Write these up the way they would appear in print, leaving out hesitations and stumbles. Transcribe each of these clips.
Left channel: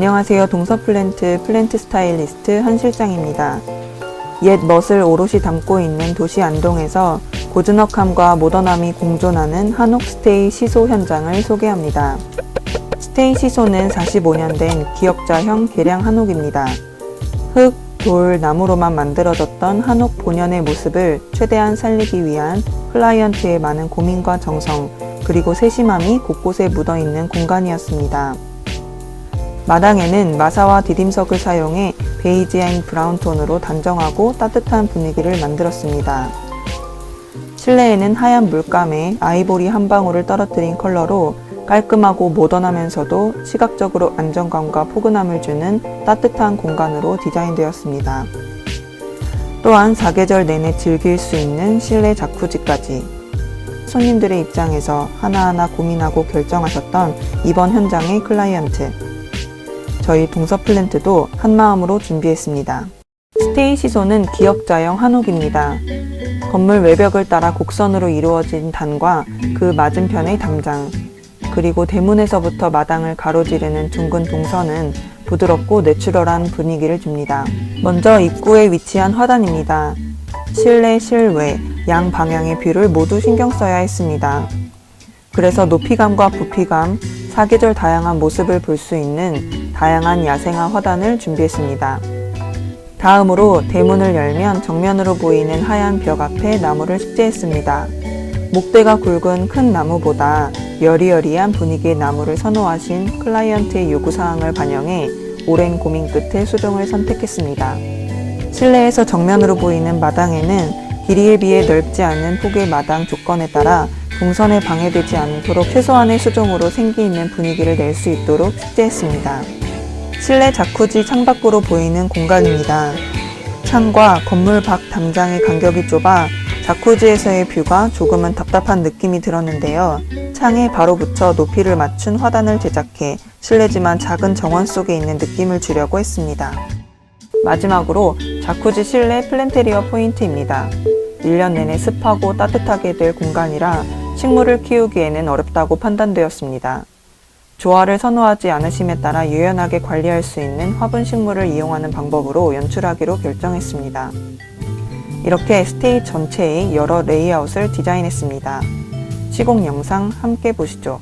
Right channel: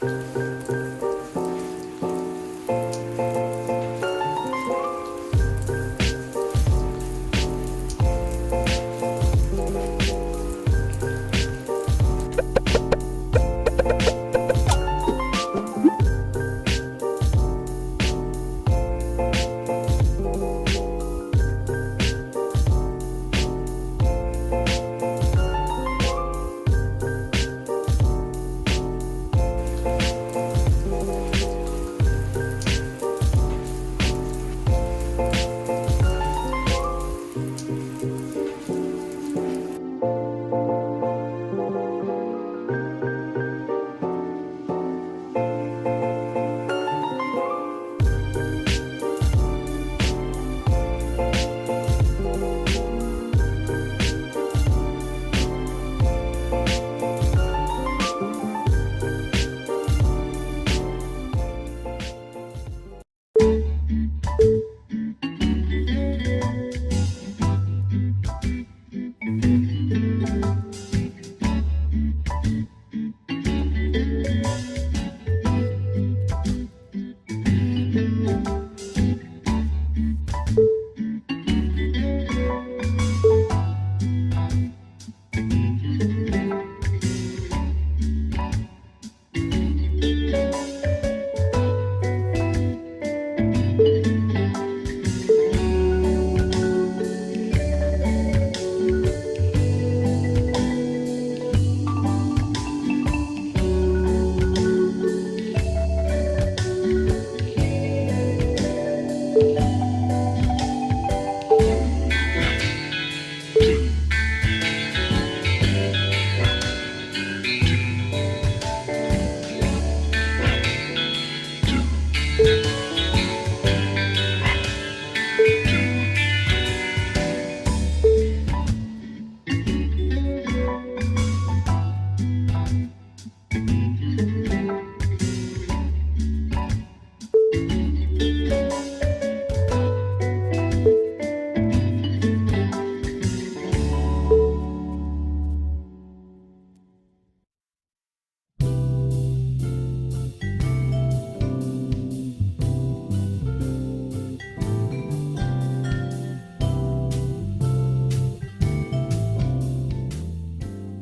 안녕하세요. 동서플랜트 플랜트 스타일리스트 한실장입니다. 옛 멋을 오롯이 담고 있는 도시 안동에서 고즈넉함과 모던함이 공존하는 한옥 스테이 시소 현장을 소개합니다. 스테이 시소는 45년 된 기역자형 개량 한옥입니다. 흙, 돌, 나무로만 만들어졌던 한옥 본연의 모습을 최대한 살리기 위한 클라이언트의 많은 고민과 정성, 그리고 세심함이 곳곳에 묻어있는 공간이었습니다. 마당에는 마사와 디딤석을 사용해 베이지 앤 브라운 톤으로 단정하고 따뜻한 분위기를 만들었습니다. 실내에는 하얀 물감에 아이보리 한 방울을 떨어뜨린 컬러로 깔끔하고 모던하면서도 시각적으로 안정감과 포근함을 주는 따뜻한 공간으로 디자인되었습니다. 또한 사계절 내내 즐길 수 있는 실내 자쿠지까지. 손님들의 입장에서 하나하나 고민하고 결정하셨던 이번 현장의 클라이언트. 저희 동서플랜트도 한마음으로 준비했습니다. 스테이 시소는 기역자형 한옥입니다. 건물 외벽을 따라 곡선으로 이루어진 단과 그 맞은편의 담장, 그리고 대문에서부터 마당을 가로지르는 둥근 동선은 부드럽고 내추럴한 분위기를 줍니다. 먼저 입구에 위치한 화단입니다. 실내, 실외, 양 방향의 뷰를 모두 신경 써야 했습니다. 그래서 높이감과 부피감, 사계절 다양한 모습을 볼 수 있는 다양한 야생화 화단을 준비했습니다. 다음으로 대문을 열면 정면으로 보이는 하얀 벽 앞에 나무를 식재했습니다. 목대가 굵은 큰 나무보다 여리여리한 분위기의 나무를 선호하신 클라이언트의 요구사항을 반영해 오랜 고민 끝에 수종을 선택했습니다. 실내에서 정면으로 보이는 마당에는 길이에 비해 넓지 않은 폭의 마당 조건에 따라 동선에 방해되지 않도록 최소한의 수종으로 생기 있는 분위기를 낼 수 있도록 식재했습니다. 실내 자쿠지 창밖으로 보이는 공간입니다. 창과 건물 밖 담장의 간격이 좁아 자쿠지에서의 뷰가 조금은 답답한 느낌이 들었는데요. 창에 바로 붙여 높이를 맞춘 화단을 제작해 실내지만 작은 정원 속에 있는 느낌을 주려고 했습니다. 마지막으로 자쿠지 실내 플랜테리어 포인트입니다. 1년 내내 습하고 따뜻하게 될 공간이라 식물을 키우기에는 어렵다고 판단되었습니다. 조화를 선호하지 않으심에 따라 유연하게 관리할 수 있는 화분 식물을 이용하는 방법으로 연출하기로 결정했습니다. 이렇게 스테이 전체의 여러 레이아웃을 디자인했습니다. 시공 영상 함께 보시죠.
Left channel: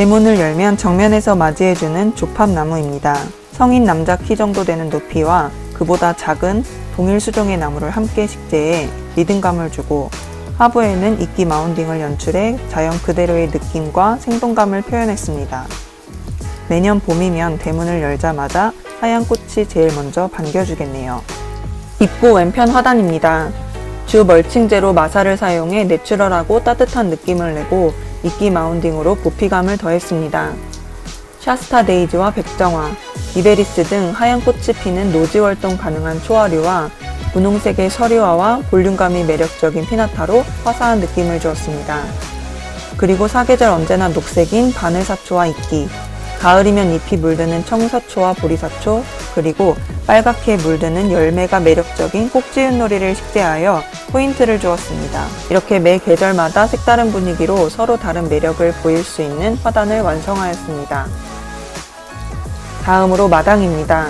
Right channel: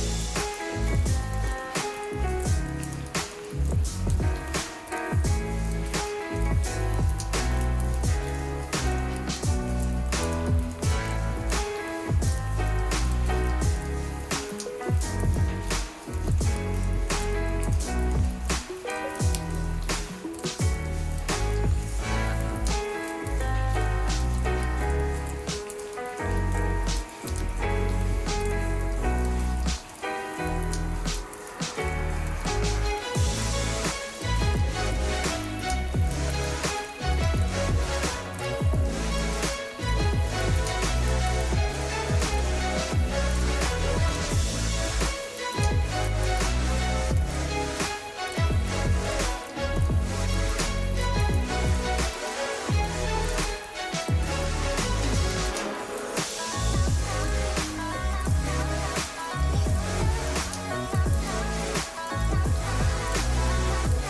대문을 열면 정면에서 맞이해주는 조팝나무입니다. 성인 남자 키 정도 되는 높이와 그보다 작은 동일 수종의 나무를 함께 식재해 리듬감을 주고 하부에는 이끼 마운딩을 연출해 자연 그대로의 느낌과 생동감을 표현했습니다. 매년 봄이면 대문을 열자마자 하얀 꽃이 제일 먼저 반겨주겠네요. 입구 왼편 화단입니다. 주 멀칭제로 마사를 사용해 내추럴하고 따뜻한 느낌을 내고 이끼 마운딩으로 부피감을 더했습니다. 샤스타 데이지와 백정화, 이베리스 등 하얀 꽃이 피는 노지 활동 가능한 초화류와 분홍색의 서류화와 볼륨감이 매력적인 피나타로 화사한 느낌을 주었습니다. 그리고 사계절 언제나 녹색인 바늘사초와 이끼, 가을이면 잎이 물드는 청사초와 보리사초, 그리고 빨갛게 물드는 열매가 매력적인 꼭지윷놀이를 식재하여 포인트를 주었습니다. 이렇게 매 계절마다 색다른 분위기로 서로 다른 매력을 보일 수 있는 화단을 완성하였습니다. 다음으로 마당입니다.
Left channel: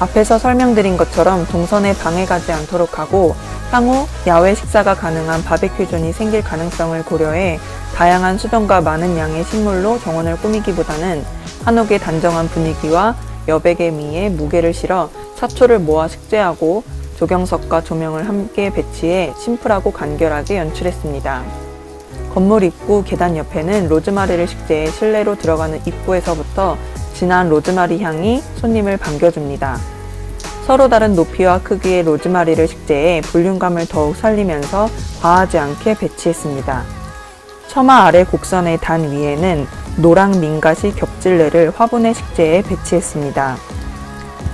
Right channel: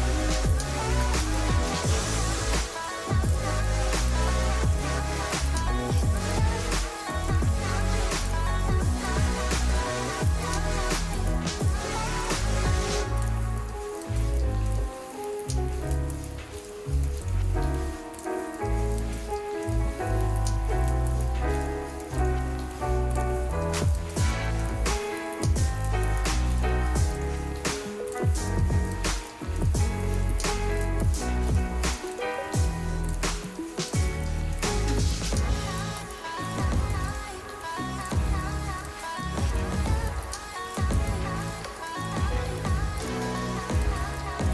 앞에서 설명드린 것처럼 동선에 방해가지 않도록 하고 향후 야외 식사가 가능한 바베큐 존이 생길 가능성을 고려해 다양한 수종과 많은 양의 식물로 정원을 꾸미기보다는 한옥의 단정한 분위기와 여백의 미에 무게를 실어 사초를 모아 식재하고 조경석과 조명을 함께 배치해 심플하고 간결하게 연출했습니다. 건물 입구 계단 옆에는 로즈마리를 식재해 실내로 들어가는 입구에서부터 진한 로즈마리 향이 손님을 반겨줍니다. 서로 다른 높이와 크기의 로즈마리를 식재해 볼륨감을 더욱 살리면서 과하지 않게 배치했습니다. 처마 아래 곡선의 단 위에는 노랑 민가시 겹질레를 화분에 식재해 배치했습니다.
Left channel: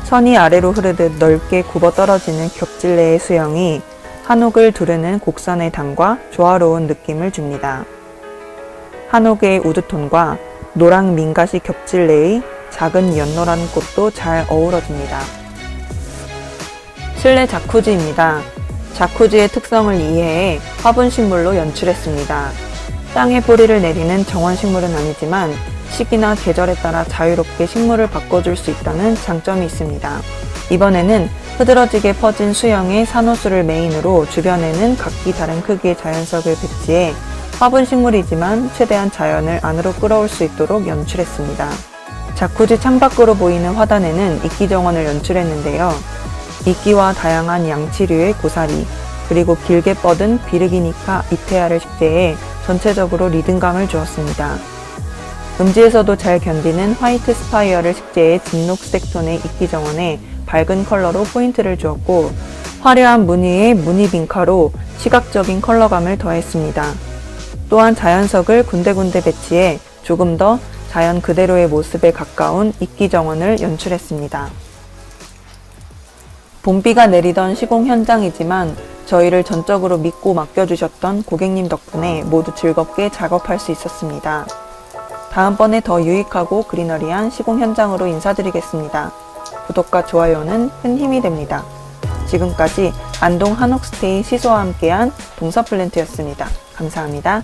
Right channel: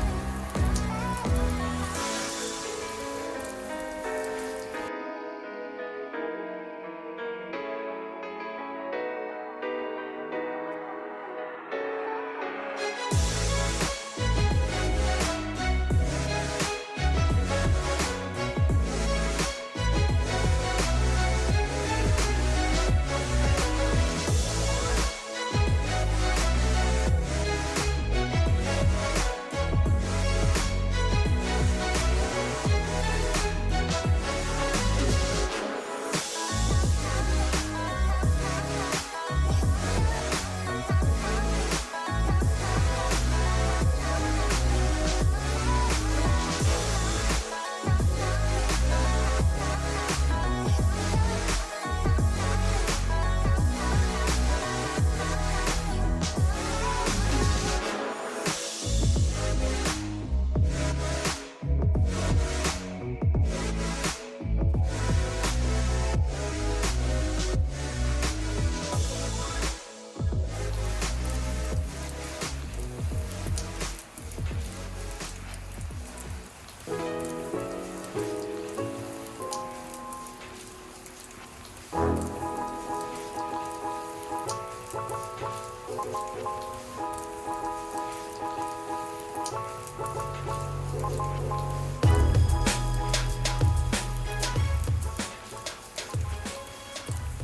선이 아래로 흐르듯 넓게 굽어 떨어지는 겹질레의 수영이 한옥을 두르는 곡선의 단과 조화로운 느낌을 줍니다. 한옥의 우드톤과 노랑 민가시 겹질 내의 작은 연노라는 꽃도 잘 어우러집니다. 실내 자쿠지입니다. 자쿠지의 특성을 이해해 화분식물로 연출했습니다. 땅에 뿌리를 내리는 정원식물은 아니지만 시기나 계절에 따라 자유롭게 식물을 바꿔줄 수 있다는 장점이 있습니다. 이번에는 흐드러지게 퍼진 수영의 산호수를 메인으로 주변에는 각기 다른 크기의 자연석을 배치해 화분식물이지만 최대한 자연을 안으로 끌어올 수 있도록 연출했습니다. 자쿠지 창밖으로 보이는 화단에는 이끼정원을 연출했는데요. 이끼와 다양한 양치류의 고사리, 그리고 길게 뻗은 비르기니카 이페아를 식재해 전체적으로 리듬감을 주었습니다. 음지에서도 잘 견디는 화이트 스파이어를 식재해 진녹색 톤의 이끼정원에 밝은 컬러로 포인트를 주었고, 화려한 무늬의 무늬 빈카로 시각적인 컬러감을 더했습니다. 또한 자연석을 군데군데 배치해 조금 더 자연 그대로의 모습에 가까운 이끼정원을 연출했습니다. 봄비가 내리던 시공 현장이지만 저희를 전적으로 믿고 맡겨주셨던 고객님 덕분에 모두 즐겁게 작업할 수 있었습니다. 다음번에 더 유익하고 그리너리한 시공 현장으로 인사드리겠습니다. 구독과 좋아요는 큰 힘이 됩니다. 지금까지 안동 한옥스테이 시소와 함께한 동서플랜트였습니다. 감사합니다.